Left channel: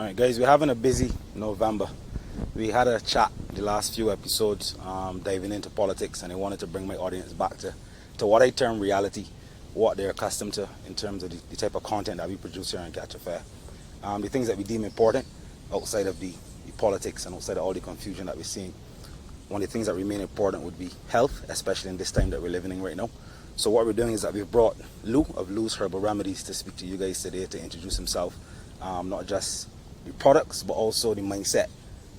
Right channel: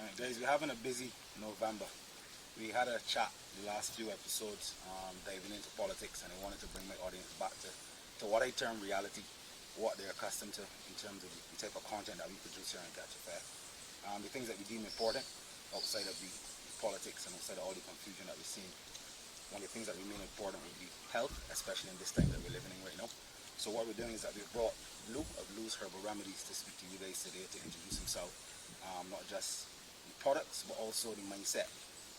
All right, guys, we're having a busy November. We had a chat the last few episodes diving into politics, and I wanted to bring my audience back to what I term reality, what they're accustomed to in terms of the type of content that we produce here on Catch a Fair. The things that we deem important outside of the politics and outside of all the confusion that we're seeing. One of the things that remain important would be health, especially in this time that we're living in right now. So what we're doing is that we've brought Lou of Lou's Herbal Remedies to speak to you guys today to introduce himself, not just the products, but also the mindset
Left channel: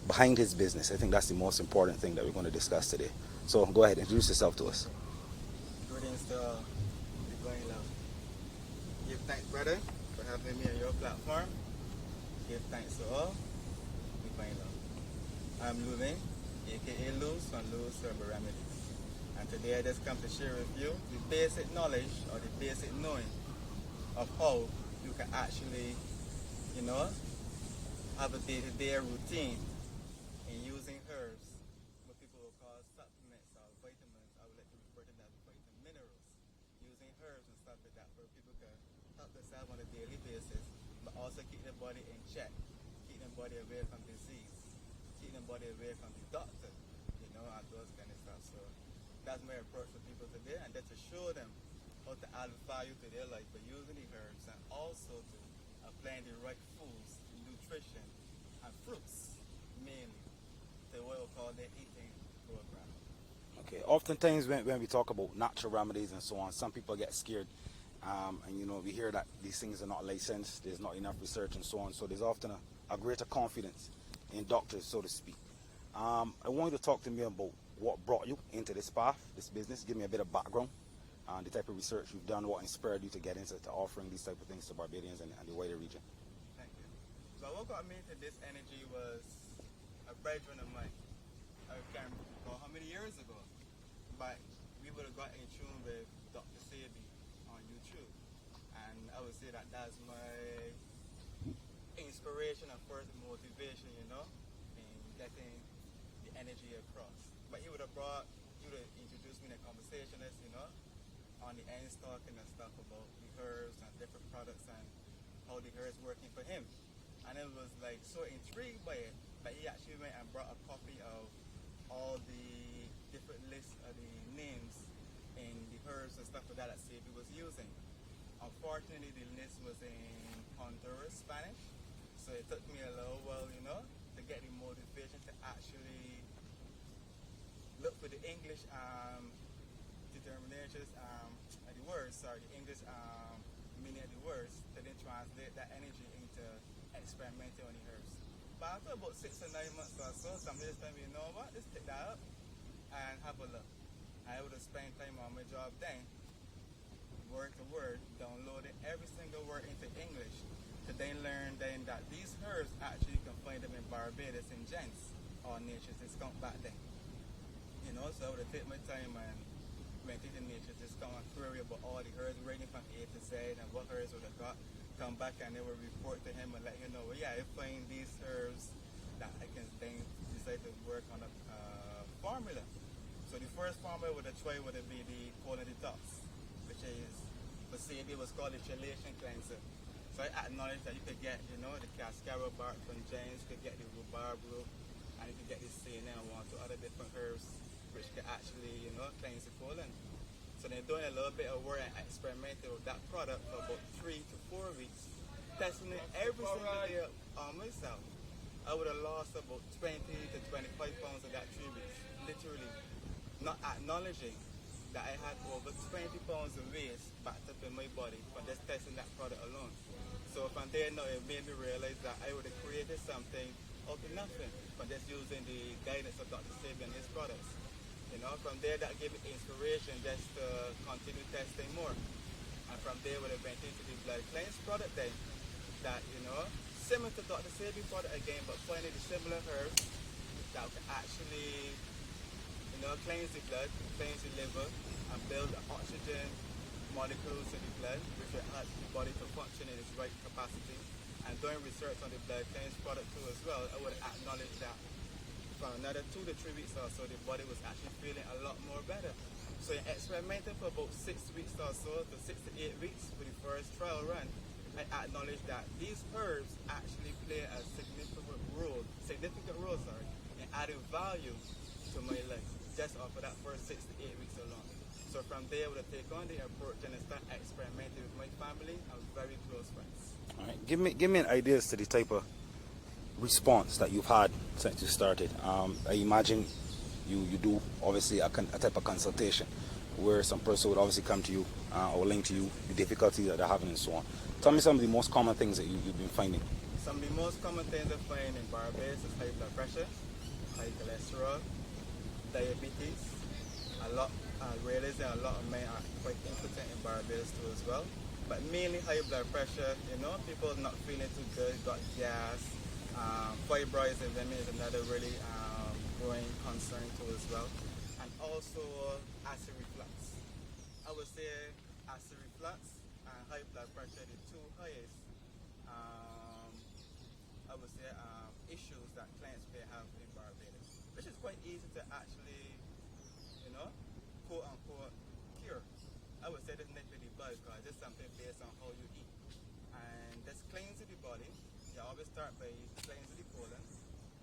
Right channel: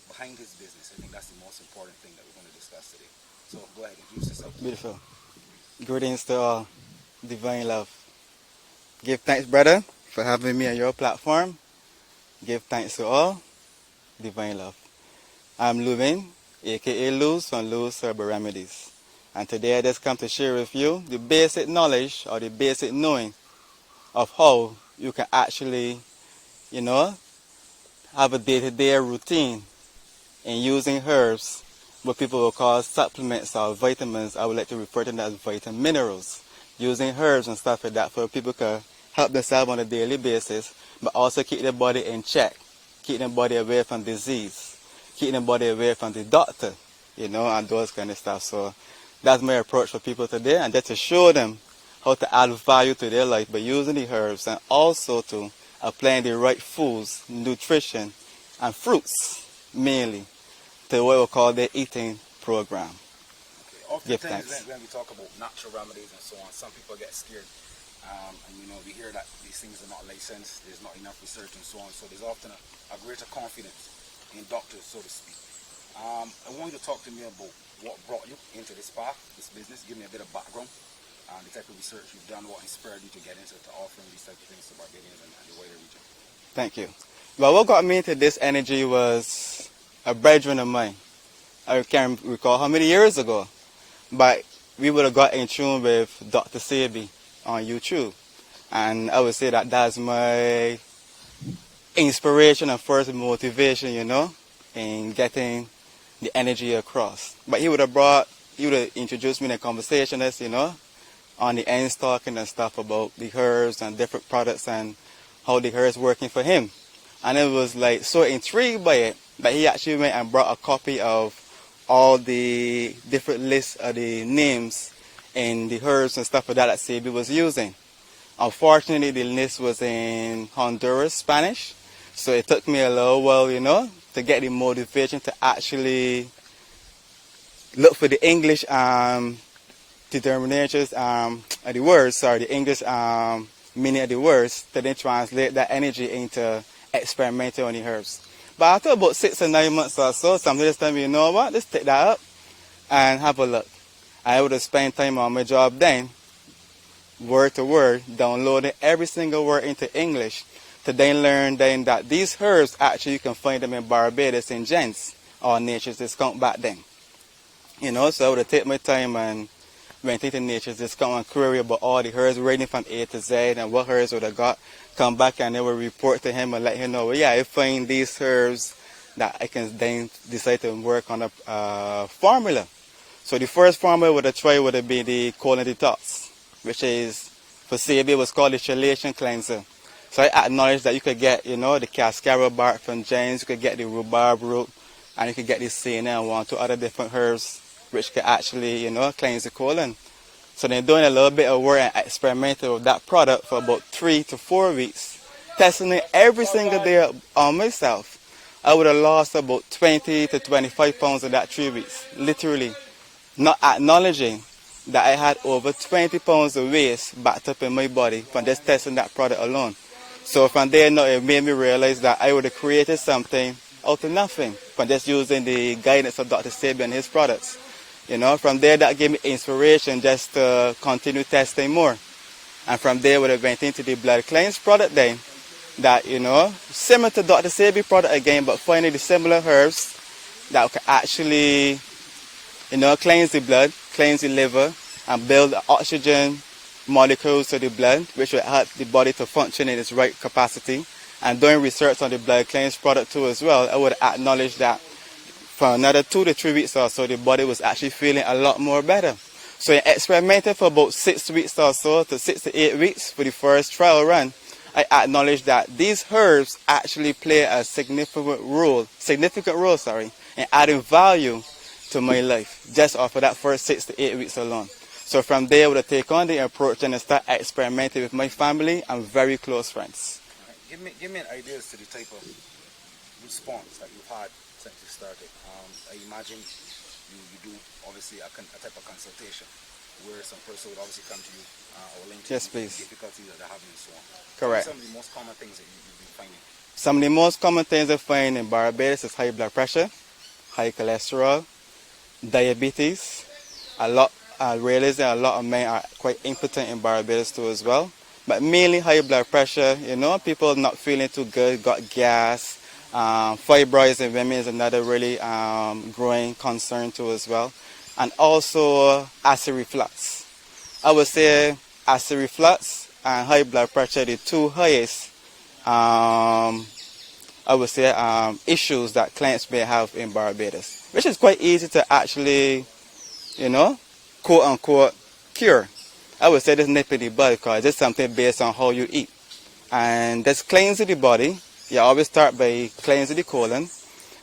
behind his business. I think that's the most important thing that we're going to discuss today. So go ahead, introduce yourself to us. Greetings to all, divine love. Give thanks, brother, for having me on your platform. Give thanks to all, divine love. I'm Luvin, aka Luz from Lou's Herbal Remedies. And today I just come to share with you the basic knowledge or the basic knowing of how you can actually, have a day-to-day routine in using herbs, what people will call supplements or vitamins. I would like to refer to them as vitamin minerals. Using herbs and stuff like that for people can help themselves on a daily basis, but also keep their body in check, keep their body away from disease, keep their body away from the doctor, and those kind of stuff. So that's my approach for people today, and just to show them how to add value to their life by using the herbs, and also to applying the right foods, nutrition, and fruits, mainly, to what we call the eating program. Okay. Oftentimes when we talk about natural remedies and so on, some people get scared. We hear that these things are not licensed, there's not enough research and so on, so there's often a greater confidence in doctors, so to speak. I want you to talk to me about what brought you into this path, this business. Give me a bit of background, the type of research you've done, what inspired you to get into offering these type of things to Barbadians and the wider region. Thank you. Well, what got me into this energy was a brethren of mine. I can't recall how many years ago, but we would have got in tune with Dr. Sebi on YouTube. And I would say that that's my inspiration and first motivation, in getting the energy across. But he would have introduced me in a conversation as, on the ends talking and stuff about the herbs and different products and how the herbs working for him. And it was like so intrigued by it that he actually went and brought a copy of all the different lists of the names and the herbs and stuff like that Sebi was using. Unfortunately, the list was in Honduras, Spanish. So it took me a little while, to get the motivation to actually look for the English determinations of the words, the English meaning of the words, to then translate that energy into experimenting on the herbs. But after about 6 or 9 months or so, somebody just told me, you know what, let's take that up and have a look. I would have spent time on my job then, word to word, downloading every single word into English, to then learn then that these herbs, actually you can find them in Barbados in Gents, or Nature's Discount back then. So I would have taken my time and went into Nature's Discount and query about all the herbs, reading from A to Z and what herbs would have got, come back and they would report to him and let him know, well, yeah, I find these herbs that I can then decide to work on a formula. So the first formula would have tried would have been the colon detox, which is, for Sebi, was called the chelation cleanser. So I acknowledge that you could get, the cascara bark from James, you could get the rhubarb root, and you could get the senna and 1 or 2 other different herbs which could actually, cleanse the colon. So then doing a little bit of work and experimenting with that product for about 3 to 4 weeks, testing it every single day on myself. I would have lost about 20 to 25 pounds in that 3 weeks, literally. Not acknowledging that I had over 20 pounds of waste backed up in my body from just testing that product alone. So from there, it made me realize that I would have created something out of nothing from just using the guidance of Dr. Sebi and his products. From there, that gave me inspiration just to continue testing more. And from there, we went into the blood cleanse product then, that, similar to Dr. Sebi product again, but finding the similar herbs that could actually, cleanse the blood, cleanse the liver, and build the oxygen molecules to the blood, which will help the body to function in its right capacity. And doing research on the blood cleanse product too as well, I would acknowledge that for another 2 to 3 weeks or so, the body was actually feeling a lot more better. So I experimented for about 6 weeks or so, to 6 to 8 weeks for the first trial run. I acknowledge that these herbs actually play a significant role, in adding value to my life, just off of that first 6 to 8 weeks alone. So from there, I would take on the approach and start experimenting with my family and very close friends. All right. Give me an idea as to the type of response that you've had since you started. I imagine you do obviously a type of consultation where some person would obviously come to you or link to Yes, you please. the difficulties that they're having and so on. Tell me Correct. some of the most common things that you've been finding. Some of the most common things I find in Barbados is high blood pressure, high cholesterol, diabetes. I realize that a lot of men are quite impotent in Barbados too as well. But mainly high blood pressure, people not feeling too good, got gas. Fibroids in women is another really growing concern too as well. And also acid reflux. I would say acid reflux and high blood pressure are the two highest issues that clients may have in Barbados, which is quite easy to actually, quote unquote, cure. I would say this nip in the bud because it's something based on how you eat. And this cleansing the body, you always start by cleansing the colon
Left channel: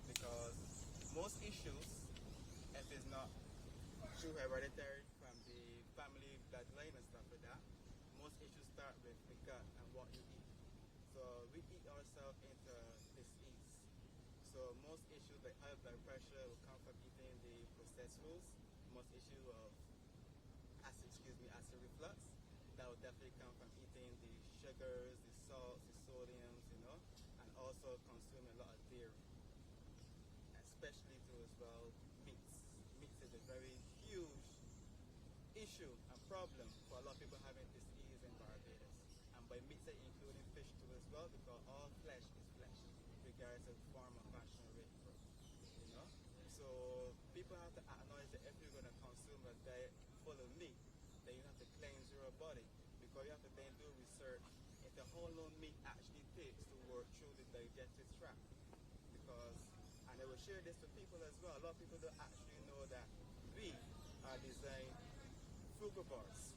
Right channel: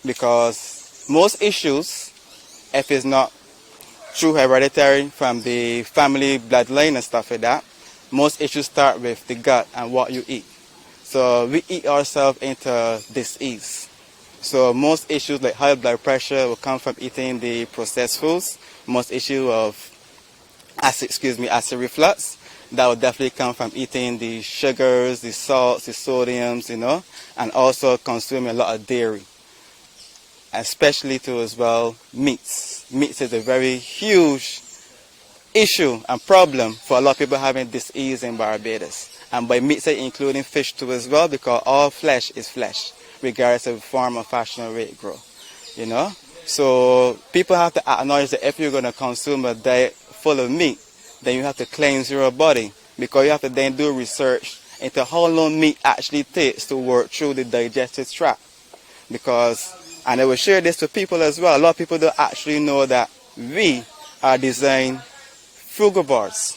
because most issues, if it's not true hereditary from the family bloodline and stuff like that, most issues start with the gut and what you eat. So we eat ourselves into disease. So most issues like high blood pressure will come from eating the processed foods. Most issue of acid reflux, that will definitely come from eating the sugars, the salts, the sodiums, and also consuming a lot of dairy. Especially too as well, meats. Meats is a very huge issue and problem for a lot of people having disease in Barbados. And by meats, including fish too as well, because all flesh is flesh, regardless of form or fashion or way it grow. So people have to acknowledge that if you're going to consume a diet full of meat, then you have to cleanse your body, because you have to then do research into how long meat actually takes to work through the digestive tract. And I will share this to people as well, a lot of people don't actually know that we are designed frugivores.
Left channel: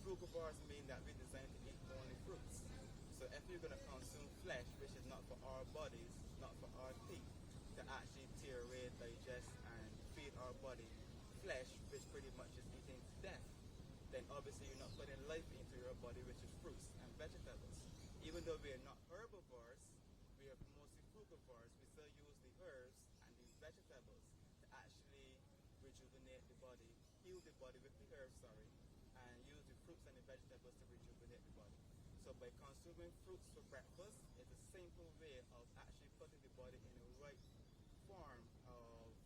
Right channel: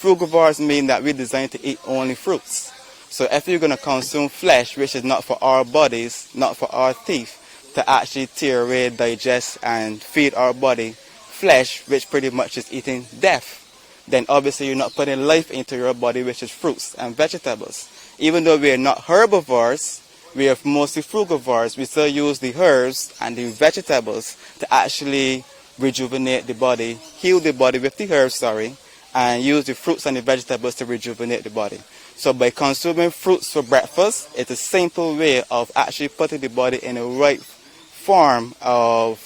Frugivores mean that we're designed to eat only fruits. So if you're going to consume flesh, which is not for our bodies, not for our teeth, to actually tear away, digest, and feed our body flesh, which pretty much is eating death, then obviously you're not putting life into your body, which is fruits and vegetables. Even though we are not herbivores, we are mostly frugivores, we still use the herbs and the vegetables to actually rejuvenate the body, heal the body with the herbs, and use the fruits and the vegetables to rejuvenate the body. So by consuming fruits for breakfast, it's a simple way of actually putting the body in a right form of,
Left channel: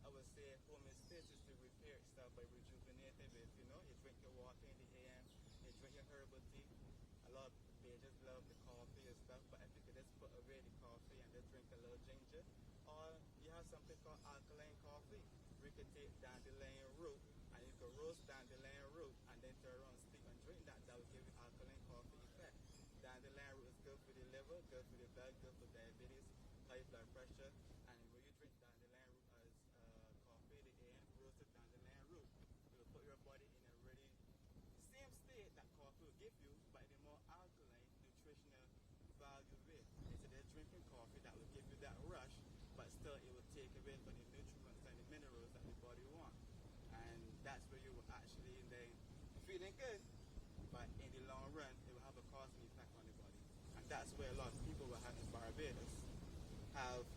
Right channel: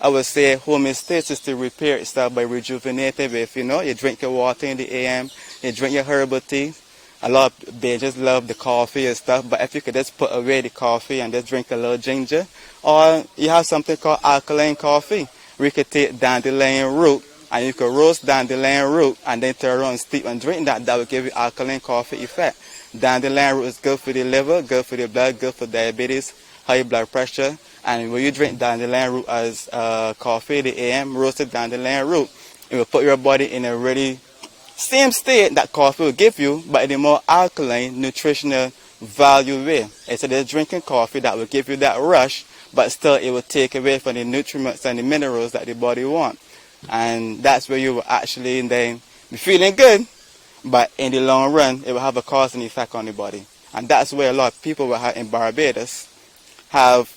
I would say, homeostasis to repair itself by rejuvenating with, you drink your water in the AM, you drink your herbal tea. A lot of babies love the coffee and stuff, but if you could just put away the coffee and just drink a little ginger, or you have something called alkaline coffee, where you could take dandelion root, and you could roast dandelion root and then turn around and steep and drink that. That will give you alkaline coffee effect. Dandelion root is good for the liver, good for the blood, good for diabetes, high blood pressure. And when you drink dandelion root as coffee, the AM, roasted dandelion root, it will put your body in a really same state that coffee will give you, but in a more alkaline, nutritional value way. Instead of drinking coffee that will give you that rush, but still it will take away from the nutrients and the minerals that the body wants. And that's where you will actually then be feeling good, but in the long run, it will have a cause and effect on the body. And that's where a lot of people in Barbados have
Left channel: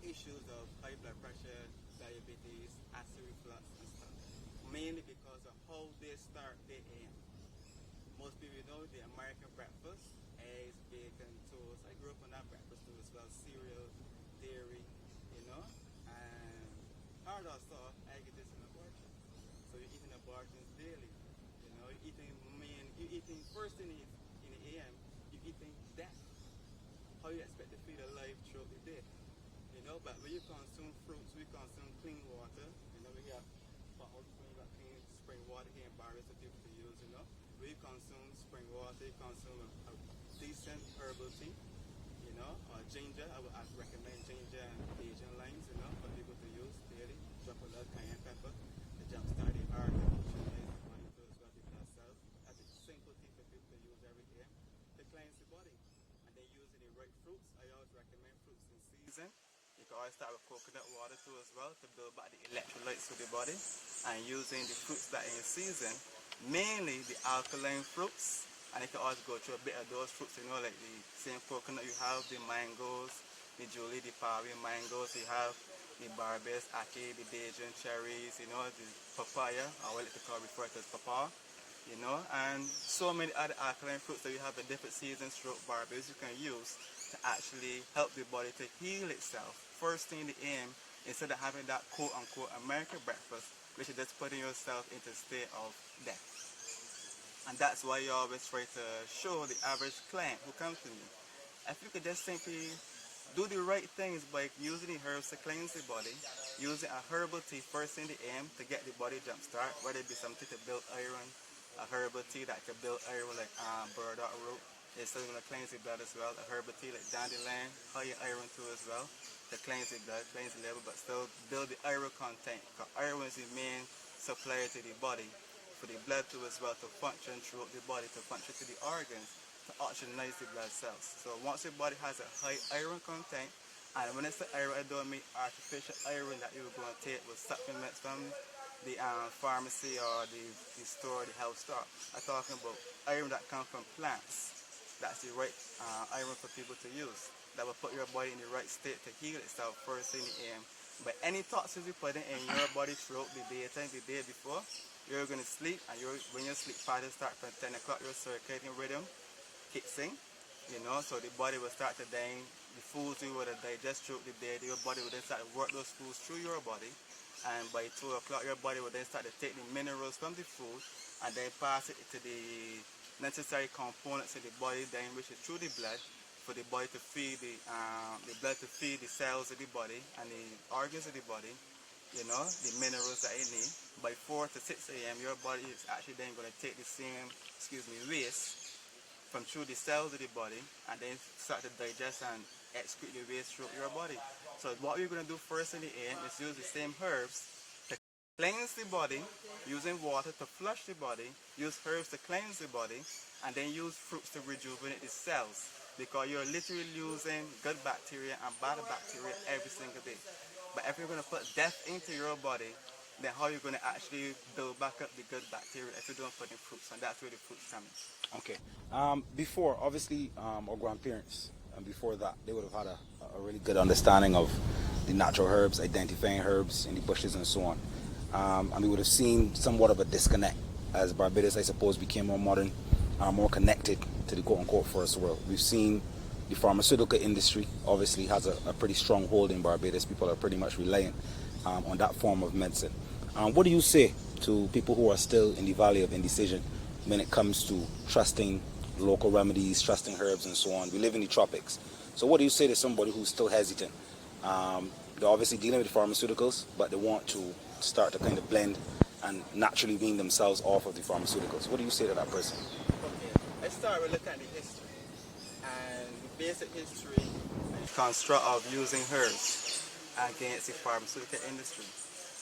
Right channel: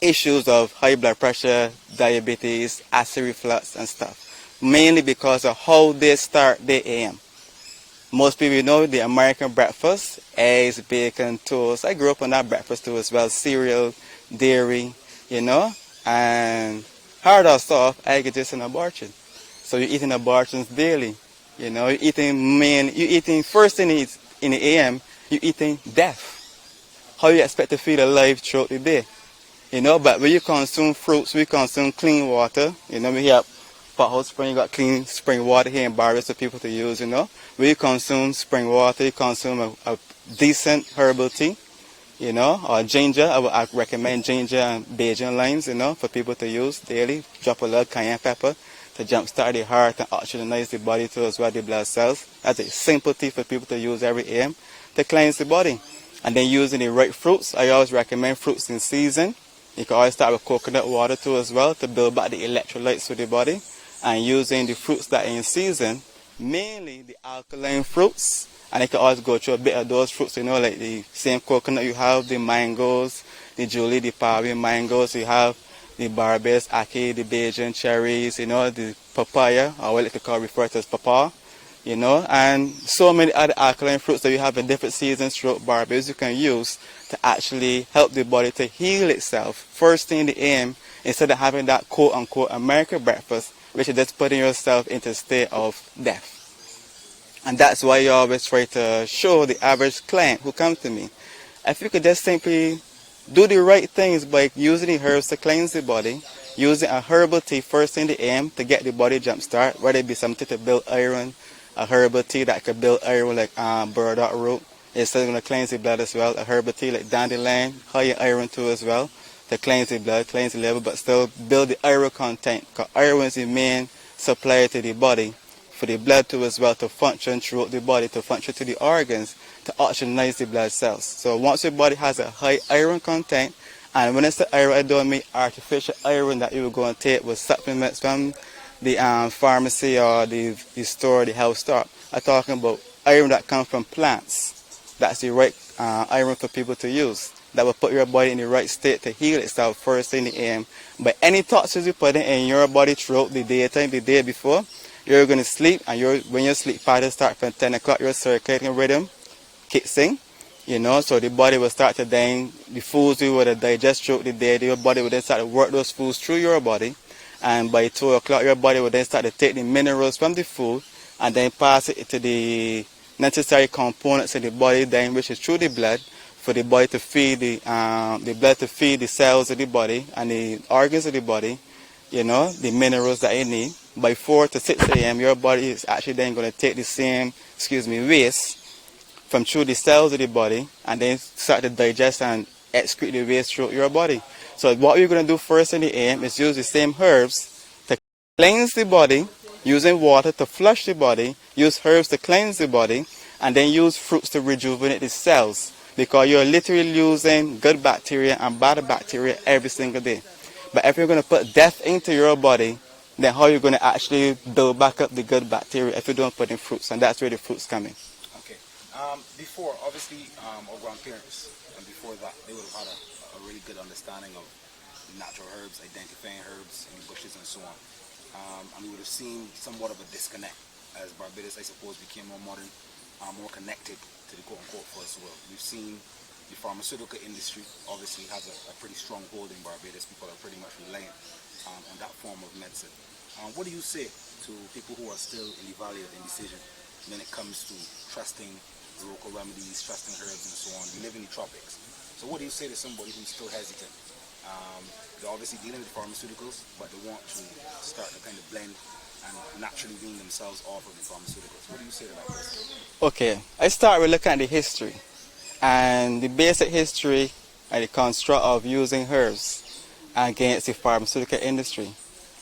issues of high blood pressure, diabetes, acid reflux and stuff, mainly because of how they start their AM. Most people know the American breakfast, eggs, bacon, toast. I grew up on that breakfast too as well, cereal, dairy, and hard or soft, egg is just an abortion. So you're eating abortions daily, you're eating first thing in the AM, you're eating death. How you expect to feel alive throughout the day? But when you consume fruits, we consume clean water. We have Hot Spring, you got clean spring water here in Barbados for people to use, When you consume spring water, you consume a decent herbal tea, or ginger. I recommend ginger and Bajan limes, for people to use daily. Drop a little cayenne pepper, to jumpstart the heart and oxygenize the body too as well, the blood cells. That's a simple tea for people to use every AM to cleanse the body. And then using the right fruits. I always recommend fruits in season. You can always start with coconut water too as well to build back the electrolytes for the body. And using the fruits that are in season, mainly the alkaline fruits. And you can always go through a bit of those fruits, you know, like the same coconut you have, the mangoes, the Julie, the Pavi mangoes, you have the Barbados, Aki, the Bajan cherries, you know, the papaya, or what I refer to as papa, you know, and so many other alkaline fruits that you have in different seasons throughout Barbados you can use to actually help the body to heal itself first thing in the AM, instead of having that quote-unquote American breakfast, which is just putting yourself into a state of death. And that's why you always try to show the average client who comes to me, if you could just simply do the right things by using the herbs to cleanse the body, using a herbal tea first in the AM to get the body jump start, whether it be something to build iron, a herbal tea that could build iron like burdock root, it's still going to cleanse the blood as well. A herbal tea like dandelion, high in iron too as well, to cleanse the blood, cleanse the liver, but still build the iron content, because iron is the main supplier to the body, for the blood too as well to function throughout the body, to function to the organs, to oxygenize the blood cells. So once your body has a high iron content, and when it's the iron, I don't mean artificial iron that you will go and take with supplements from the pharmacy or the store, the health store. I'm talking about iron that comes from plants. That's the right iron for people to use. That will put your body in the right state to heal itself first in the AM. But any toxins you put in your body throughout the daytime, the day before, you're going to sleep, and when your sleep pattern starts from 10 o'clock, your circadian rhythm kicks in, you know, so the body will start to then, the foods you would digest throughout the day, your body will then start to work those foods through your body, and by 2 o'clock, your body will then start to take the minerals from the food, and then pass it to the necessary components in the body, then which is through the blood, for the body to feed the blood to feed the cells of the body and the organs of the body, you know, the minerals that you need. By 4 to 6 a.m., your body is actually then going to take the same, waste from through the cells of the body, and then start to digest and excrete the waste through your body. So what we're going to do first in the AM is use the same herbs to cleanse the body, using water to flush the body, use herbs to cleanse the body, and then use fruits to rejuvenate the cells, because you're literally using good bacteria and bad bacteria every single day. But if you're going to put death into your body, then how are you going to actually build back up the good bacteria if you don't put in fruits? And that's where the fruits come in. Okay. Before, obviously, our grandparents, and before that, they would have had a really good understanding of the natural herbs, identifying herbs in the bushes and so on. And we would have seen somewhat of a disconnect as Barbados, I suppose, became more modern, more connected to the quote-unquote first world. We've seen the pharmaceutical industry obviously has a pretty strong hold in Barbados. People are pretty much reliant on that form of medicine. What do you say to people who are still in the valley of indecision when it comes to trusting local remedies, trusting herbs and so on? We live in the tropics. So what do you say to somebody who's still hesitant? They're obviously dealing with pharmaceuticals, but they want to start to kind of blend and naturally wean themselves off of the pharmaceuticals. What do you say to that person? Okay, I start with looking at the history. And the basic history and the construct of using herbs against the pharmaceutical industry,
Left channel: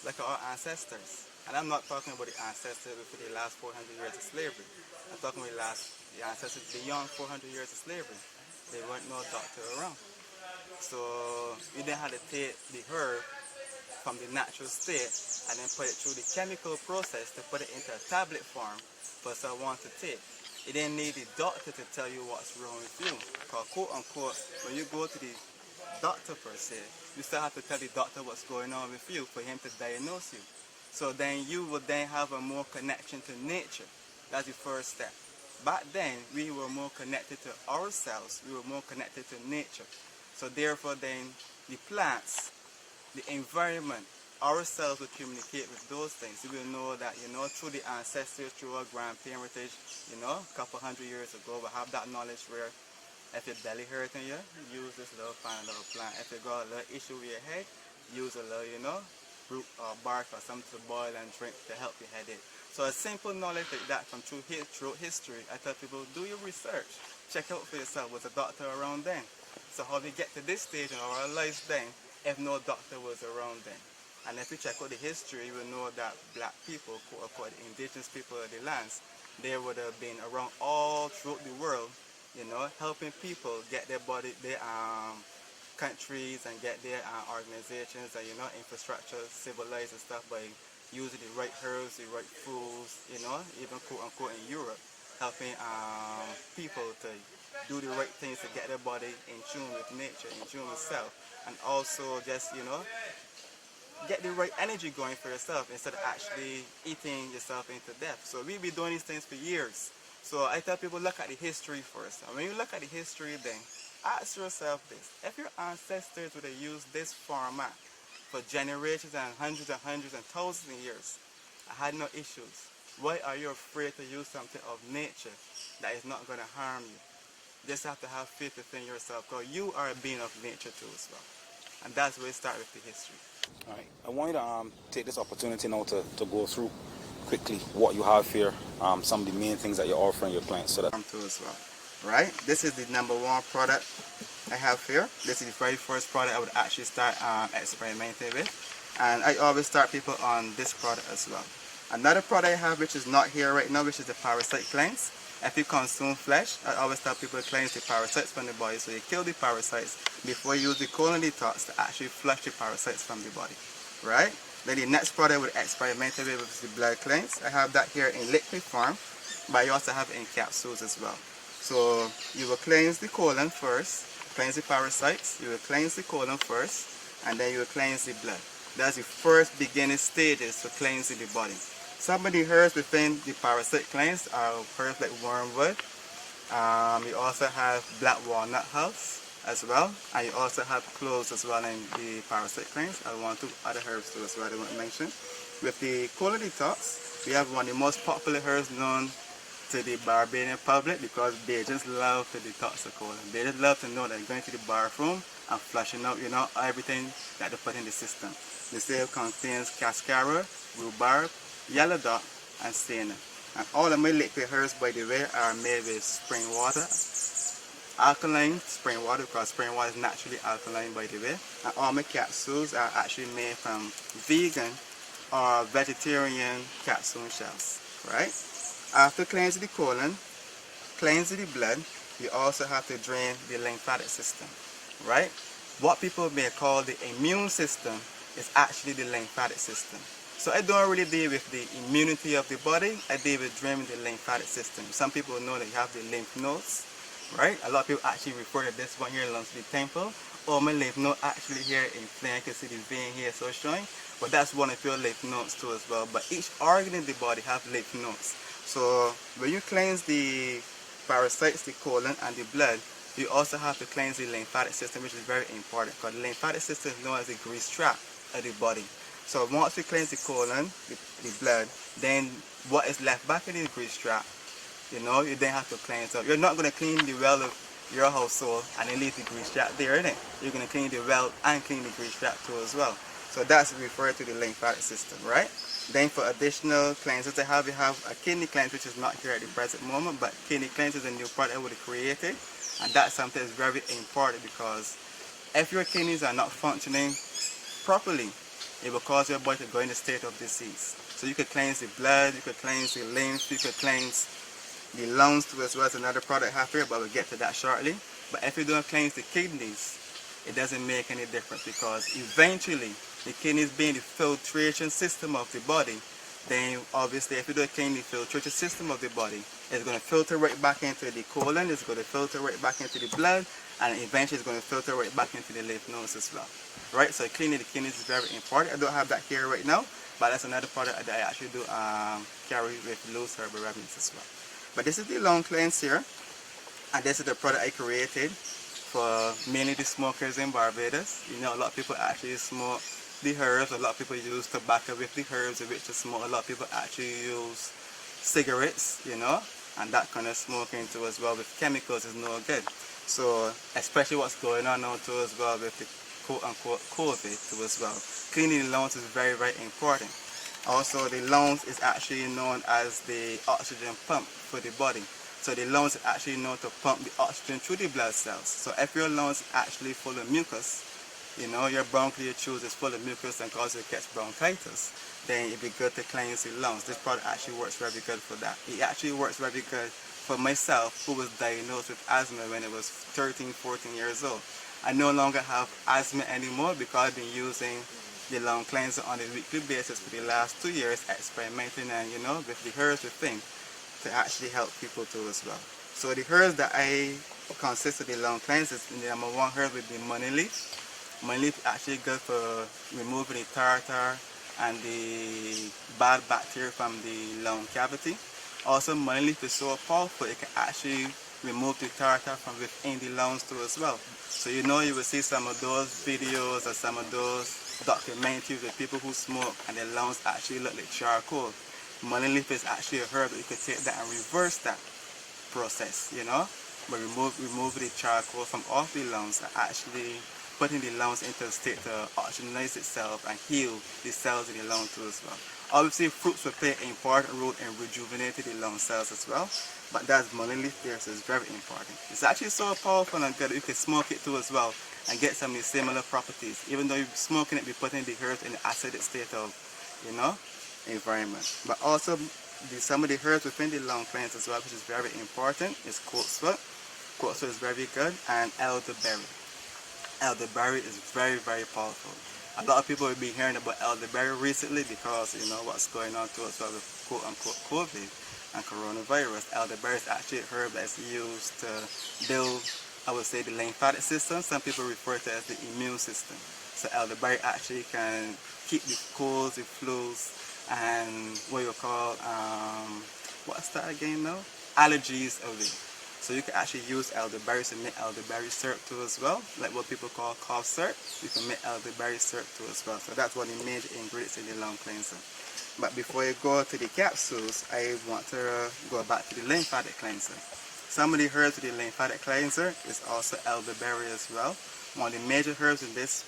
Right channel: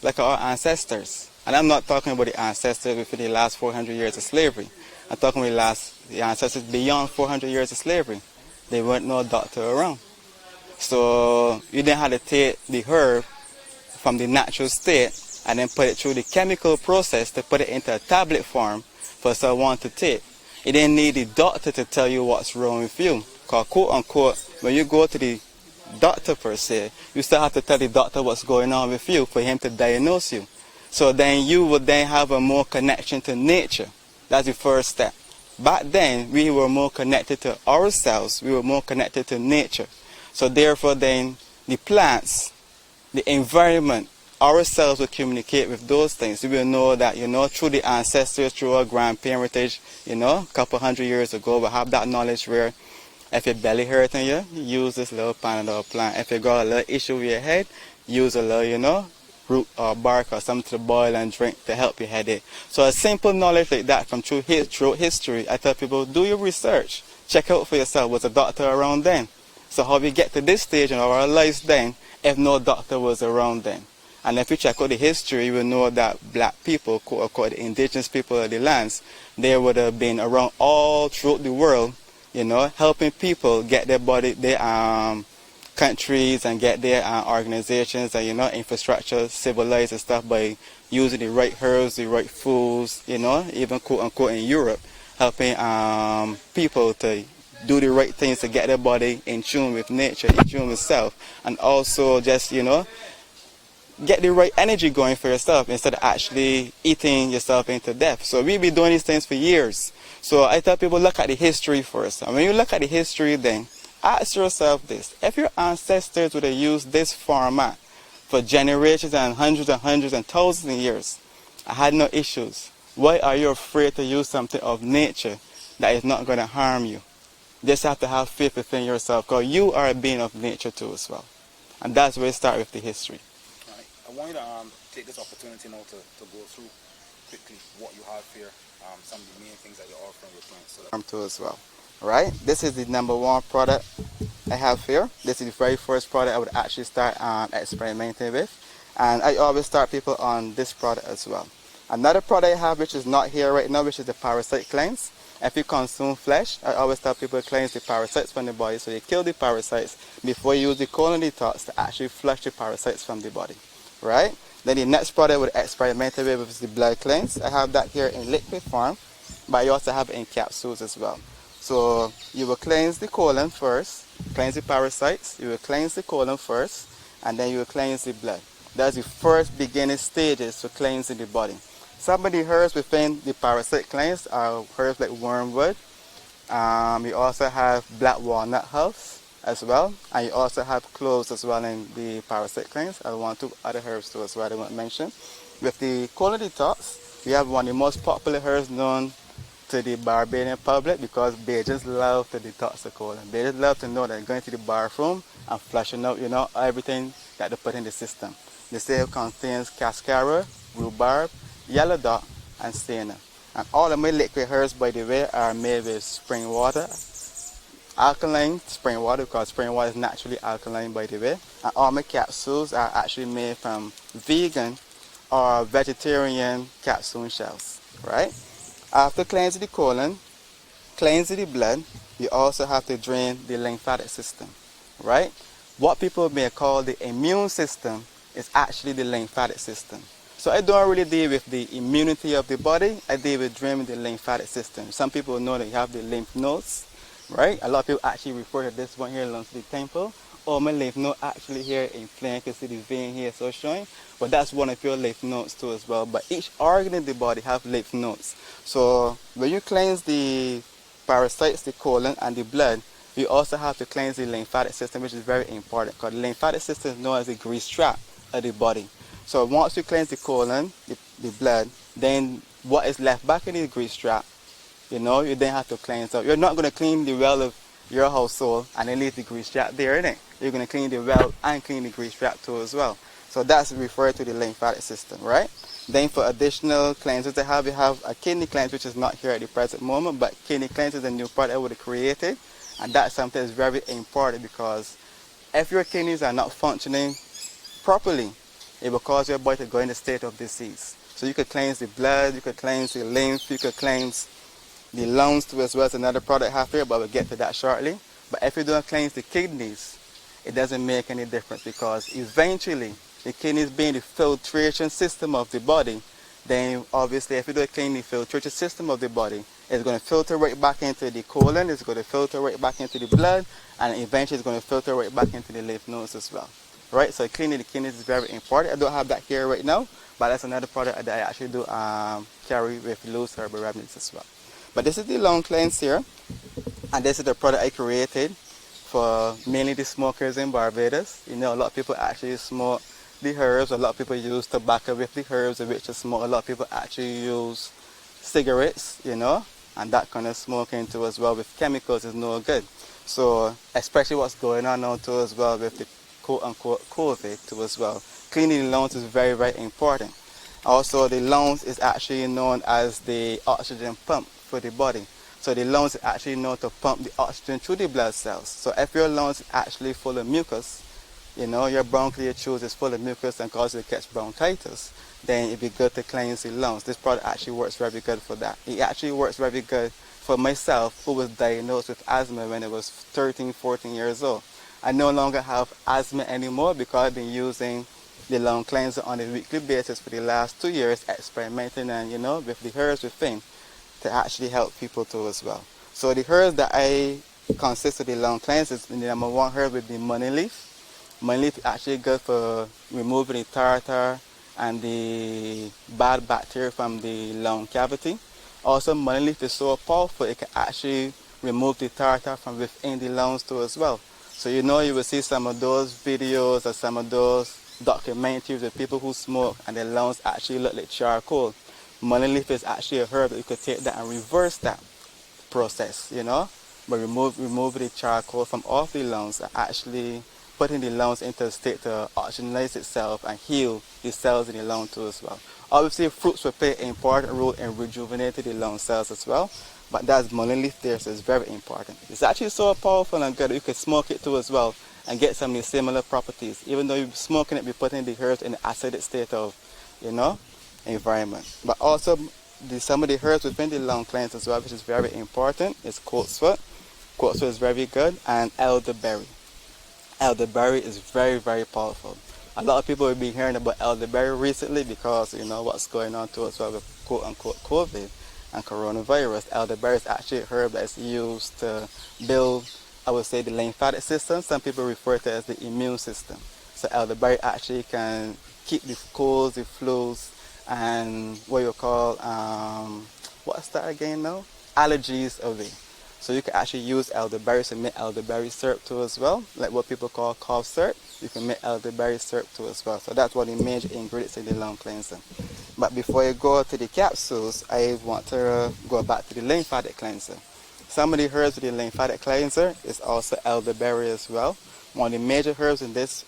like our ancestors. And I'm not talking about the ancestors within the last 400 years of slavery. I'm talking about the ancestors beyond 400 years of slavery. There weren't no doctor around. So you didn't have to take the herb from the natural state and then put it through the chemical process to put it into a tablet form for someone to take. You didn't need the doctor to tell you what's wrong with you. Because quote unquote, when you go to the doctor per se, you still have to tell the doctor what's going on with you for him to diagnose you. So then you would then have a more connection to nature. That's the first step. Back then, we were more connected to ourselves. We were more connected to nature. So therefore then, the plants, the environment, ourselves will communicate with those things. We will know that, through the ancestors, through our grandparentage, a couple hundred years ago, we'll have that knowledge where if your belly hurting you, use this little Panadol plant. If you got a little issue with your head, use a little, root or bark or something to boil and drink to help your headache. So a simple knowledge like that from through history, I tell people, do your research. Check out for yourself, was a doctor around then? So how we get to this stage in our lives then, if no doctor was around then? And if you check out the history, you will know that black people, quote unquote, the indigenous people of the lands, they would have been around all throughout the world, you know, helping people get their body, their countries and get their organizations and, you know, infrastructure civilized and stuff by using the right herbs, the right foods, you know, even quote unquote in Europe, helping people to do the right things to get their body in tune with nature, in tune with self, and also just, you know, get the right energy going for yourself instead of actually eating yourself into death. So we've been doing these things for years. So I tell people, look at the history first. And when you look at the history, then ask yourself this. If your ancestors would have used this format for generations and hundreds and thousands of years, I had no issues. Why are you afraid to use something of nature that is not going to harm you? You just have to have faith within yourself, because you are a being of nature too as well. And that's where it starts with the history. All right. I want you to take this opportunity now to go through quickly what you have here, some of the main things that you're offering your clients. So that Too as well. Right? This is the #1 product I have here. This is the very first product I would actually start experimenting with. And I always start people on this product as well. Another product I have which is not here right now, which is the Parasite Cleanse. If you consume flesh, I always tell people to cleanse the parasites from the body. So you kill the parasites before you use the colon detox to actually flush the parasites from the body. Right? Then the next product I would experiment with is the blood cleanse. I have that here in liquid form, but I also have it in capsules as well. So you will cleanse the colon first, cleanse the parasites, you will cleanse the colon first, and then you will cleanse the blood. That's the first beginning stages for cleansing the body. Some of the herbs within the Parasite Cleanse are herbs like wormwood. You also have black walnut herbs as well, and you also have cloves as well in the Parasite Cleanse. I want 2 other herbs too as well I won't mention. With the colon detox, we have one of the most popular herbs known to the Barbadian public, because they just love to detox the colon. They just love to know that going to the bathroom and flushing out, you know, everything that they put in the system. The same contains cascara, rhubarb, yellow dock, and senna. And all of my liquid herbs, by the way, are made with spring water, alkaline spring water, because spring water is naturally alkaline, by the way. And all my capsules are actually made from vegan or vegetarian capsule shells, right? After cleansing the colon, cleansing the blood, you also have to drain the lymphatic system, right? What people may call the immune system is actually the lymphatic system. So I don't really deal with the immunity of the body, I deal with draining the lymphatic system. Some people know that you have the lymph nodes, right? A lot of people actually refer to this one here along the temple. Oh, my lymph node actually here inflamed, you can see the vein here so showing. But that's one of your lymph nodes too as well. But each organ in the body have lymph nodes. So when you cleanse the parasites, the colon, and the blood, you also have to cleanse the lymphatic system, which is very important, because the lymphatic system is known as the grease trap of the body. So once you cleanse the colon, the blood, then what is left back in the grease trap, you know, you then have to cleanse up. You're not going to clean the well of your household and then leave the grease trap there, isn't it? You're going to clean the well and clean the grease trap too as well. So that's referred to the lymphatic system, right? Then for additional cleanses we have a kidney cleanse, which is not here at the present moment, but kidney cleanse is a new product I would have created, and that's something that's very important, because if your kidneys are not functioning properly, it will cause your body to go in a state of disease. So you could cleanse the blood, you could cleanse the lymph, you could cleanse the lungs too as well as another product I have here, but we'll get to that shortly. But if you don't cleanse the kidneys, it doesn't make any difference, because eventually the kidneys being the filtration system of the body, then obviously if you don't clean the filtration system of the body, it's going to filter right back into the colon, it's going to filter right back into the blood, and eventually it's going to filter right back into the lymph nodes as well. Right, so cleaning the kidneys is very important. I don't have that here right now, but that's another product that I actually do carry with loose herbal remedies as well. But this is the long cleanse here, and this is the product I created for mainly the smokers in Barbados. You know, a lot of people actually smoke the herbs, a lot of people use tobacco with the herbs in which to smoke. A lot of people actually use cigarettes, you know, and that kind of smoking too as well with chemicals is no good. So especially what's going on now too as well with the quote-unquote COVID too as well. Cleaning the lungs is very, very important. Also, the lungs is actually known as the oxygen pump for the body. So the lungs is actually known to pump the oxygen through the blood cells. So if your lungs is actually full of mucus, you know, your bronchial tubes is full of mucus and causes you to catch bronchitis, then it'd be good to cleanse the lungs. This product actually works very good for that. It actually works very good for myself, who was diagnosed with asthma when I was 13, 14 years old. I no longer have asthma anymore because I've been using the lung cleanser on a weekly basis for the last 2 years, experimenting and, you know, with the herbs within to actually help people too as well. So the herbs that I consist of the lung cleanser, the number one herb would be money leaf. Money leaf is actually good for removing the tartar and the bad bacteria from the lung cavity. Also, money leaf is so powerful, it can actually remove the tartar from within the lungs too as well. So you know, you will see some of those videos or some of those documentaries with people who smoke and their lungs actually look like charcoal. Money leaf is actually a herb that you could take that and reverse that process, you know, by remove the charcoal from off the lungs and actually putting the lungs into a state to oxygenate itself and heal the cells in the lung too as well. Obviously, fruits will play an important role in rejuvenating the lung cells as well, but that's money leaf there, so it's very important. It's actually so powerful and good that you can smoke it too as well and get some of the similar properties. Even though you're smoking it, you're putting the herbs in the acidic state of, you know, environment. But also, some of the herbs within the lung cleanse as well, which is very important, is coltsfoot. Coltsfoot is very good, and elderberry. Elderberry is very powerful. A lot of people have been hearing about elderberry recently because, you know, what's going on to us with quote-unquote COVID and coronavirus. Elderberry is actually a herb that's used to build, I would say, the lymphatic system. Some people refer to it as the immune system. So elderberry actually can keep the colds, the flus, and what you call, what's that again now? Allergies away. So you can actually use elderberry to make elderberry syrup too as well, like what people call cough syrup. You can make elderberry syrup too as well. So that's one of the major ingredients in the lung cleanser. But before I go to the capsules, I want to go back to the lymphatic cleanser. Some of the herbs of the lymphatic cleanser is also elderberry as well. One of the major herbs in this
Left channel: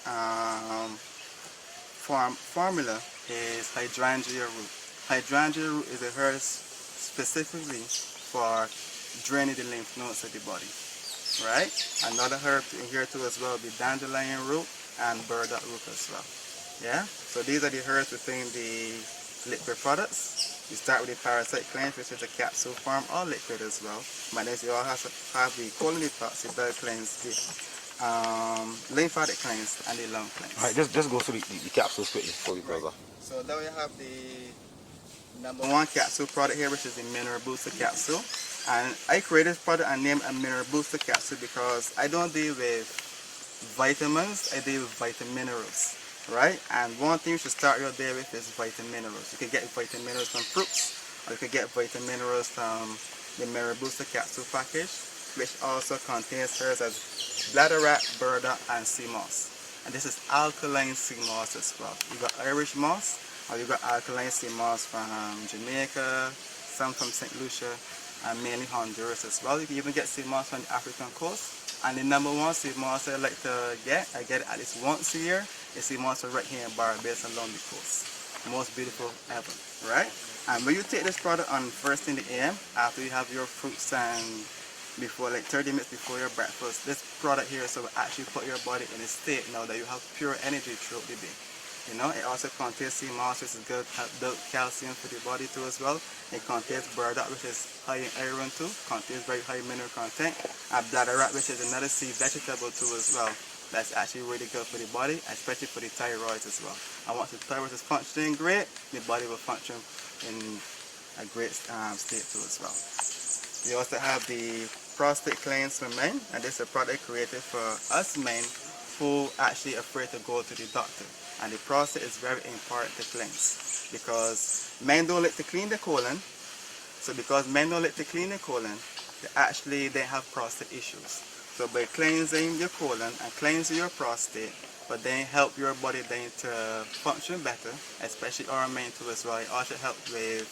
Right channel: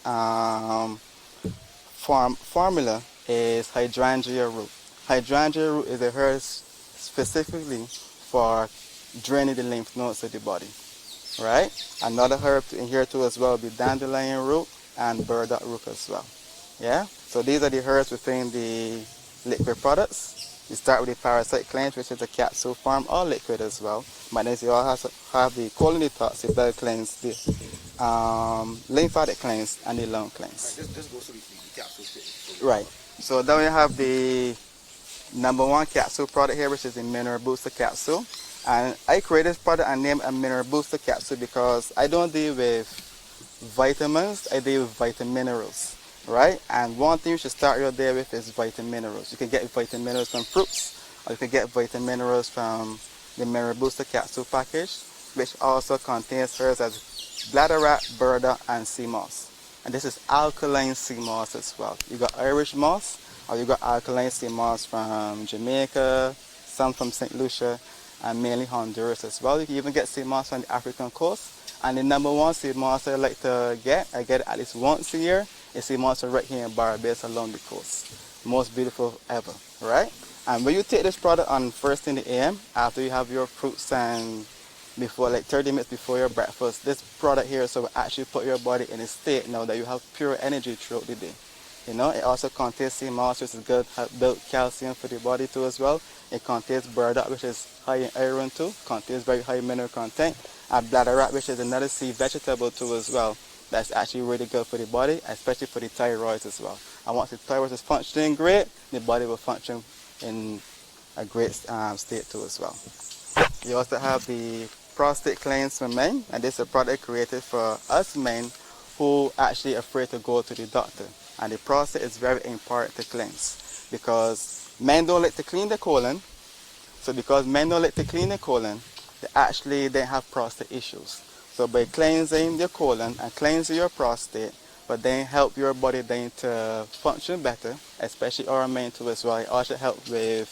formula is hydrangea root. Hydrangea root is a herb specifically for draining the lymph nodes of the body, right? Another herb in here too as well would be dandelion root and burdock root as well. Yeah, so these are the herbs within the liquid products. You start with the Parasite Cleanse, which is a capsule form or liquid as well. But then you also have the colon detox, the blood cleanse, the lymphatic cleanse, and the lung cleanse. All right, just go through the capsules quickly. Right. So then we have the number one capsule product here, which is the Mineral Booster Capsule. And I created this product and named a Mineral Booster Capsule because I don't deal with vitamins, I deal with vitaminerals, right? And one thing you should start your day with is vitaminerals. You can get vitaminerals from fruits, or you can get vitaminerals from the Mineral Booster Capsule package, which also contains herbs as bladderwrack, burdock, and sea moss. And this is alkaline sea moss as well. You got Irish moss, or you got alkaline sea moss from Jamaica, some from St. Lucia, and mainly Honduras as well. You can even get sea moss on the African coast. And the number one sea moss I like to get, I get it at least once a year, is sea moss right here in Barbados along the coast. Most beautiful ever, right? And when you take this product on first in the AM, after you have your fruits and before, like 30 minutes before your breakfast, this product here so will actually put your body in a state now that you have pure energy throughout the day. You know, it also contains sea moss, which is good, build calcium for the body too as well. It contains burdock, which is high in iron too, contains very high mineral content. And bladderwrack, which is another sea vegetable too as well. That's actually really good for the body, especially for the thyroid as well. And once the thyroid is functioning great, the body will function in a great state too as well. We also have the Prostate Cleanse for men, and this is a product created for us men who actually afraid to go to the doctor. And the prostate is very important to cleanse because men don't like to clean the colon. So because men don't like to clean the colon, they have prostate issues. So by cleansing your colon and cleansing your prostate, but then help your body then to function better, especially our men too as well. It also help with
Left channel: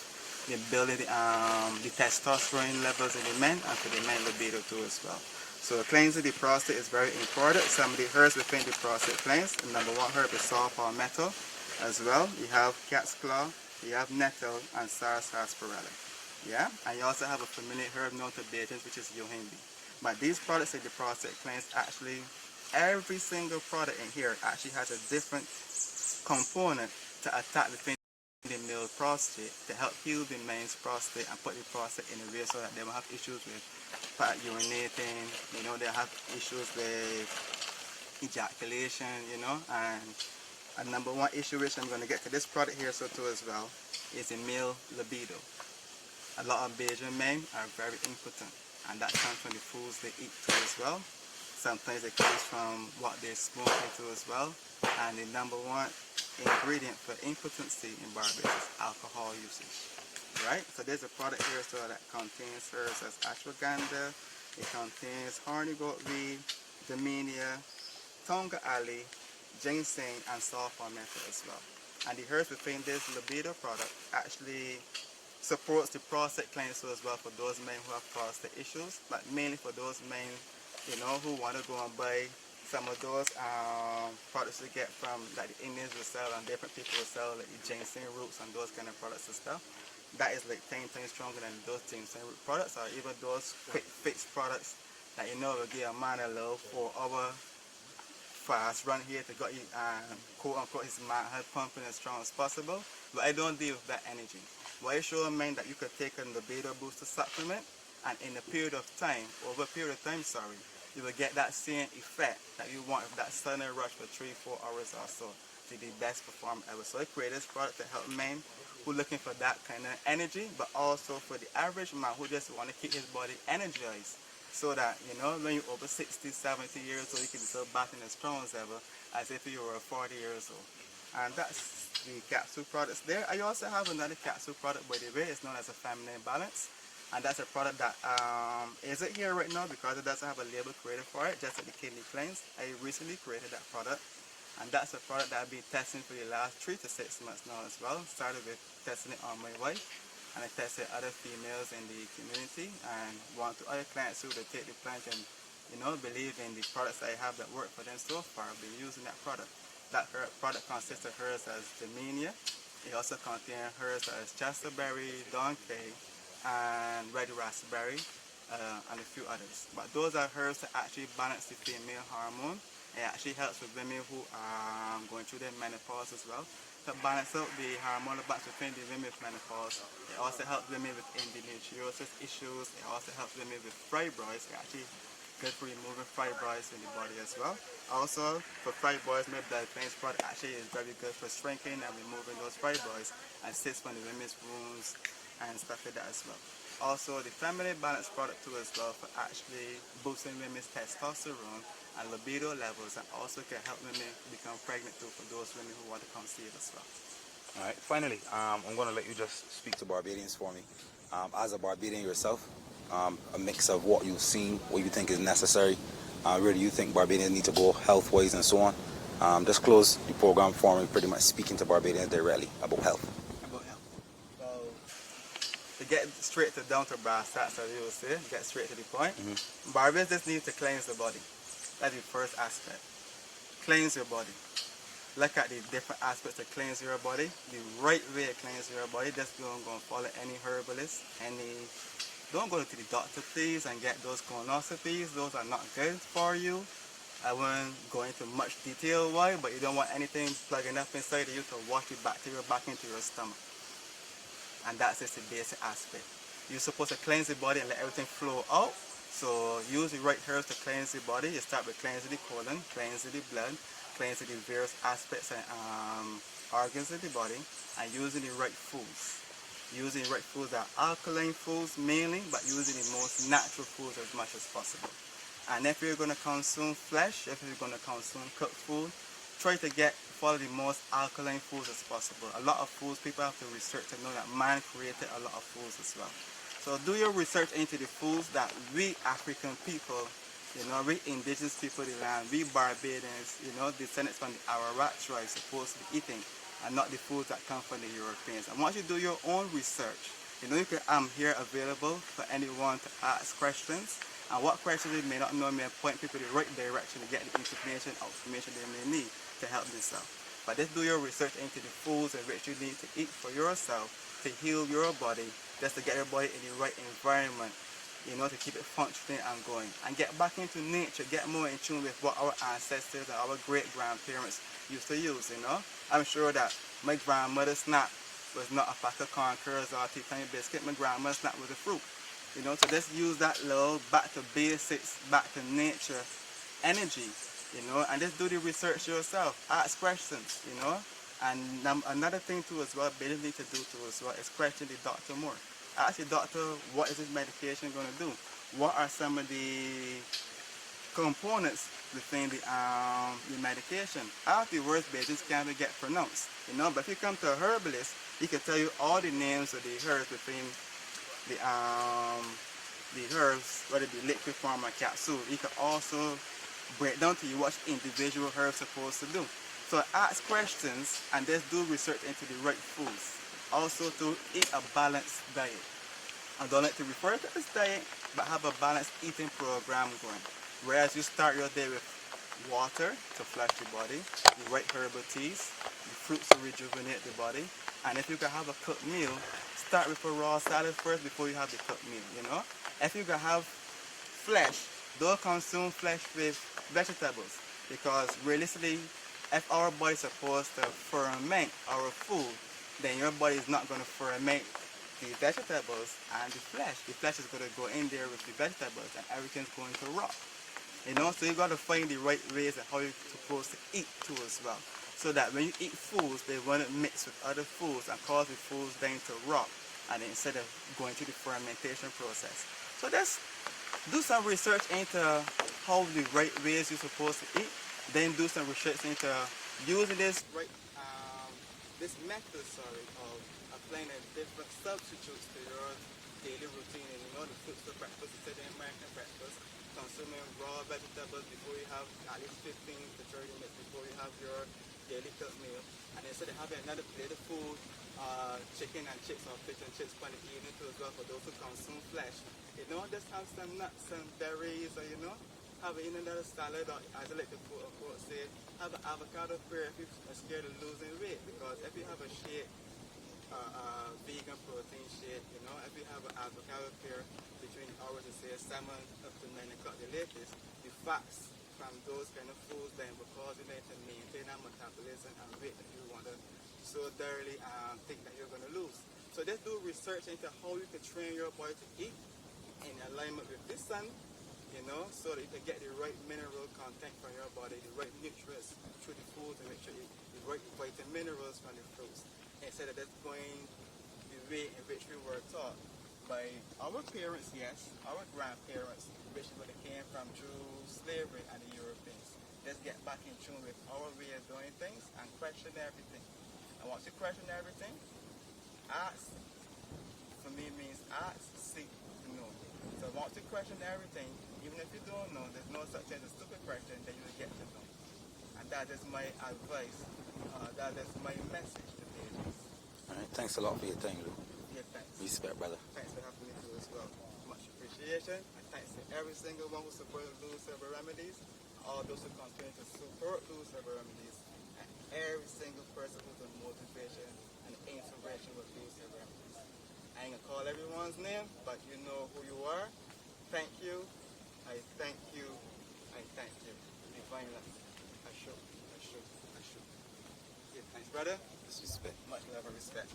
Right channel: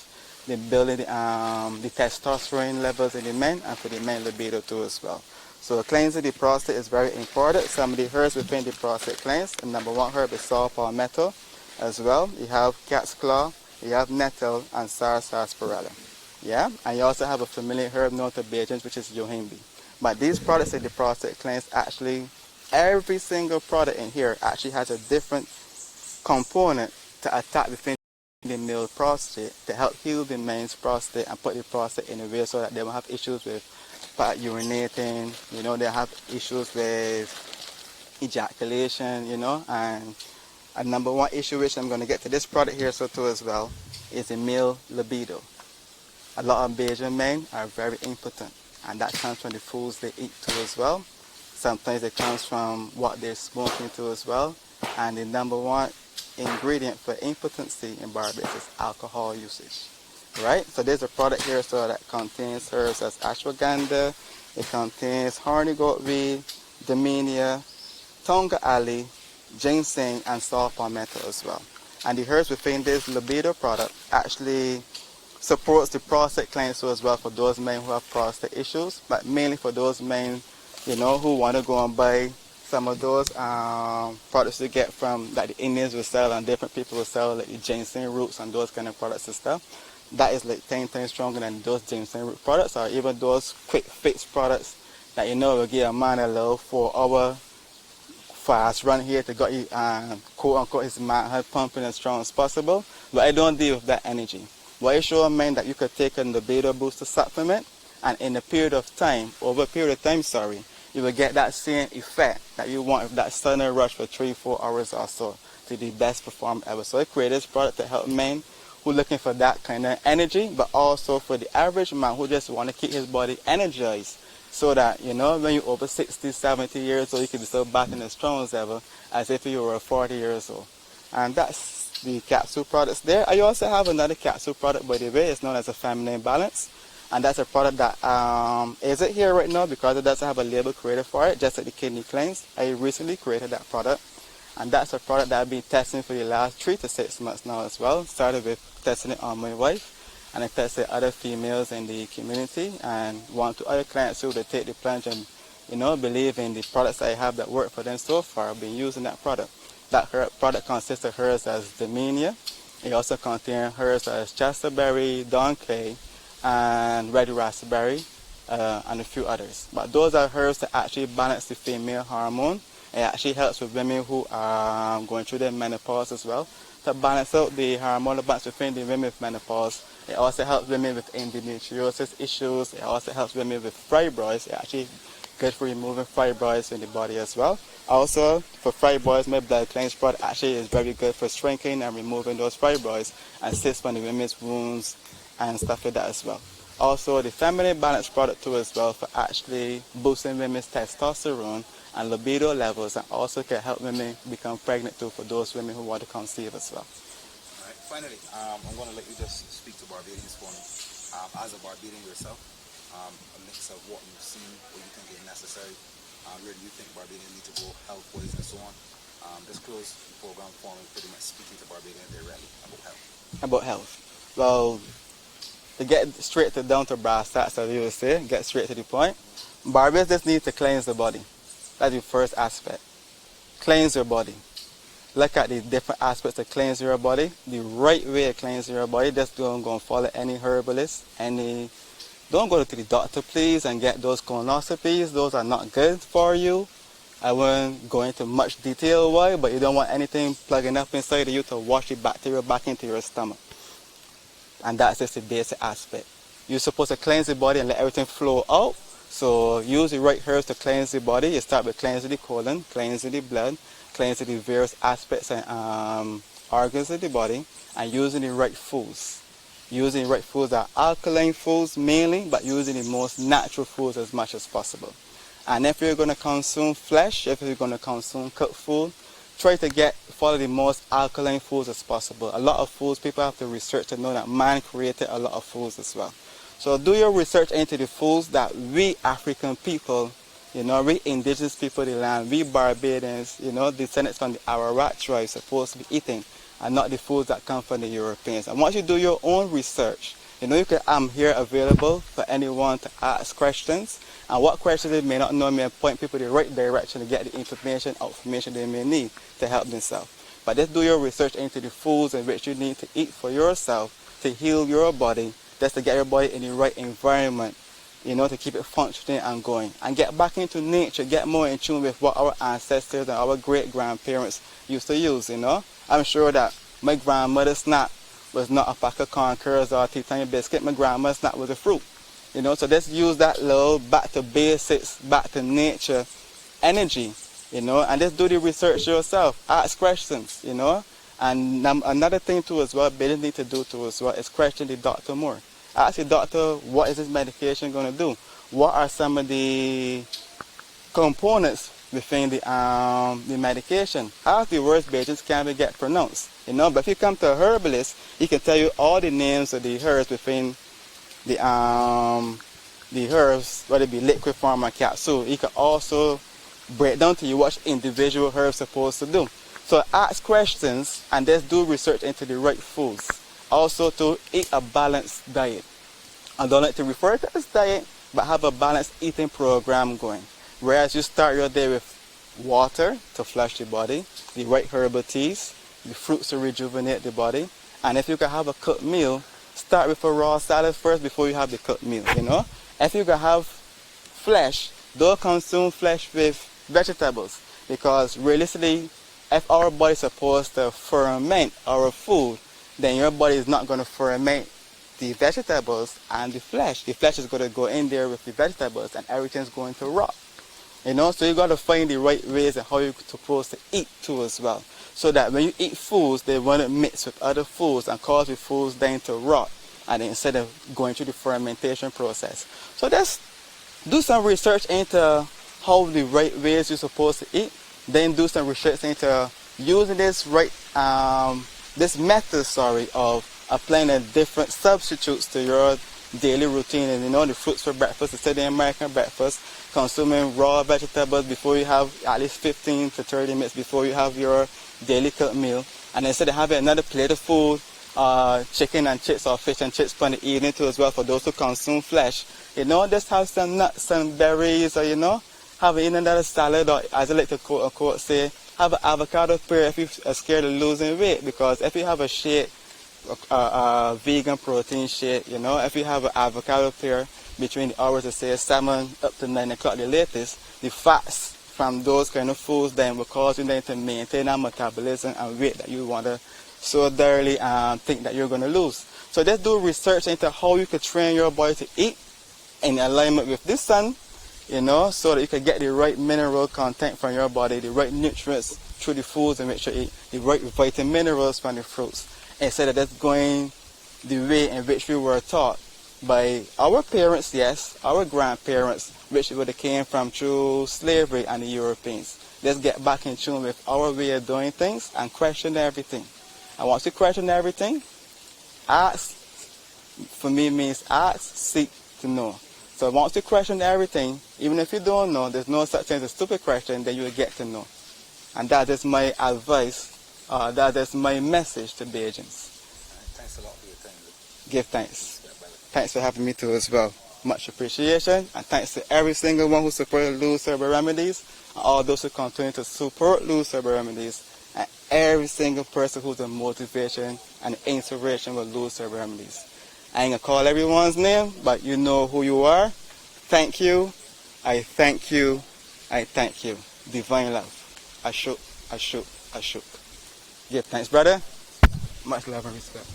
the building the testosterone levels in the men and for the men libido too as well. So cleansing the prostate is very important. Some of the herbs within the prostate cleanse, the number one herb is saw palmetto as well. You have cat's claw, you have nettle, and sarsaparilla. Yeah, and you also have a familiar herb known to Bajans, which is yohimbe. But these products in the prostate cleanse actually every single product in here actually has a different component to attack the male prostate, to help heal the man's prostate and put the prostate in a way so that they won't have issues with urinating, you know, they have issues with ejaculation, you know, and a number one issue, which I'm going to get to this product here so too as well, is the male libido. A lot of Bayesian men are very impotent, and that comes from the foods they eat too as well. Sometimes it comes from what they're smoking too as well. And the number one ingredient for impotency in Barbados is alcohol usage. Right? So there's a product here so that contains herbs as ashwagandha, it contains horny goatweed, daminia, tonga alley, ginseng, and saw palmetto as well. And the herbs within this libido product actually supports the prostate cleanse as well for those men who have prostate issues, but mainly for those men, you know, who want to go and buy some of those products they get from, that the Indians will sell and different people will sell, like the ginseng roots and those kind of products and stuff. That is like 10 times stronger than those ginseng root products, or even those quick fix products that, you know, will give a man a little 4-hour fast run here to get you, quote unquote, his manhood pumping as strong as possible. But I don't deal with that energy. What I show a man that you could take a libido booster supplement, and in a period of time, over a period of time, you will get that same effect that you want with that sudden rush for 3-4 hours or so to the best perform ever. So I created this product to help men who are looking for that kind of energy, but also for the average man who just want to keep his body energized, so that, you know, when you're over 60, 70 years old, you can be so back in as strong as ever as if you were 40 years old. And that's the capsule products there. I also have another capsule product, by the way. It's known as a feminine balance. And that's a product that isn't here right now because it doesn't have a label created for it, just like the kidney cleanse. I recently created that product. And that's a product that I've been testing for the last 3 to 6 months now as well. Started with testing it on my wife, and I tested other females in the community, and one to other clients who they take the plunge and, you know, believe in the products I have that work for them so far. I've been using that product. That product consists of herbs as daminia. It also contains herbs as chasterberry, donkey, and red raspberry, and a few others. But those are herbs that actually balance the female hormone. It actually helps with women who are going through their menopause as well, to balance out the hormonal balance within the women with menopause. It also helps women with endometriosis issues. It also helps women with fibroids. It actually good for removing fibroids in the body as well. Also, for fibroids, my blood cleanse product actually is very good for shrinking and removing those fibroids and assists on the women's wounds and stuff like that as well. Also, the feminine balance product too as well for actually boosting women's testosterone and libido levels, and also can help women become pregnant too for those women who want to conceive as well. All right. Finally, I'm going to let you just speak to Barbadians for me. As a Barbadian yourself, a mix of what you've seen, what you think is necessary, where do you think Barbadians need to go health-wise and so on. Just close the program for me, pretty much speaking to Barbadians directly about health. About health. Well, to get straight to down to brass tacks, as you would say, get straight to the point, Barbados just needs to cleanse the body. That's the first aspect. Cleanse your body. Look at the different aspects to cleanse your body. The right way to cleanse your body. Just don't go and follow any herbalist. Don't go to the doctor, please, and get those colonoscopies. Those are not good for you. I won't go into much detail why, but you don't want anything plugging up inside of you to wash the bacteria back into your stomach. And that's just the basic aspect. You're supposed to cleanse the body and let everything flow out. So use the right herbs to cleanse the body. You start with cleansing the colon, cleansing the blood, cleansing the various aspects and organs of the body, and using the right foods. Using the right foods are alkaline foods mainly, but using the most natural foods as much as possible. And if you're going to consume flesh, if you're going to consume cooked food, try to follow the most alkaline foods as possible. A lot of foods, people have to research to know that man created a lot of foods as well. So do your research into the foods that we African people, you know, we indigenous people of the land, we Barbadians, you know, descendants from the Ararat tribe supposed to be eating, and not the foods that come from the Europeans. And once you do your own research, you know, I'm here available for anyone to ask questions. And what questions they may not know, may point people in the right direction to get the information they may need to help themselves. But just do your research into the foods in which you need to eat for yourself to heal your body, just to get your body in the right environment to keep it functioning and going. And get back into nature, get more in tune with what our ancestors and our great-grandparents used to use, I'm sure that my grandmother's snack was not a pack of corn curls or a tea time biscuit. My grandma's snack was a fruit. So let's use that little back to basics, back to nature energy, and let's do the research yourself. Ask questions, And another thing too as well, business need to do too as well, is question the doctor more. Ask the doctor, what is this medication going to do? What are some of the components within the medication? How the words agents can be get pronounced, But if you come to a herbalist, he can tell you all the names of the herbs within the herbs, whether it be liquid form or capsule. He can also break down to you what individual herbs supposed to do. So ask questions and just do research into the right foods. Also to eat a balanced diet. I don't like to refer to it as diet, but have a balanced eating program going. Whereas you start your day with water to flush the body, the right herbal teas, the fruits to rejuvenate the body, and if you can have a cooked meal, start with a raw salad first before you have the cooked meal, If you can have flesh, don't consume flesh with vegetables, because realistically, if our body is supposed to ferment our food, then your body is not going to ferment the vegetables and the flesh. The flesh is going to go in there with the vegetables and everything's going to rot. So you got to find the right ways and how you're supposed to eat too as well. So that when you eat foods, they want to mix with other foods and cause the foods then to rot, and instead of going through the fermentation process. So let's do some research into how the right ways you're supposed to eat. Then do some research into using this method of applying the different substitutes to your daily routine. And the fruits for breakfast, instead of the American breakfast, consuming raw vegetables before you have at least 15 to 30 minutes before you have your daily cooked meal. And instead of having another plate of food, chicken and chips or fish and chips for the evening too as well for those who consume flesh. Just have some nuts, some berries, or have another salad, or as I like to quote unquote say, have an avocado pear if you're scared of losing weight. Because if you have a shake, a vegan protein shake, if you have an avocado pear between the hours of say 7 up to 9 o'clock the latest, the fats from those kind of foods then will cause you then to maintain that metabolism and weight that you want to so thoroughly think that you're going to lose. So just do research into how you could train your body to eat in alignment with this sun, so that you can get the right mineral content from your body, the right nutrients through the foods in which you eat, the right vitamin minerals from the fruits, instead of just going the way in which we were taught by our parents, yes, our grandparents, which would have came from through slavery and the Europeans. Let's get back in tune with our way of doing things and question everything. And once you question everything, ask, for me, means ask, seek to know. So once you question everything, even if you don't know, there's no such thing as a stupid question, then you will get to know. And that is my advice, that is my message to Bajans. Thanks a lot for your time, Lou. Give thanks. Respect, brother. Thanks for having me too as well. Much appreciation, and thanks to every single one who supported Lou's Herbal Remedies, and all those who continue to support Lou's Herbal Remedies, and every single person who's a motivation and inspiration with Lou's Herbal Remedies. I ain't gonna call everyone's name, but you know who you are. Thank you. I thank you. I thank you. Divine love. Ashuk, ashuk, ashuk. Give thanks, brother. Much love and respect.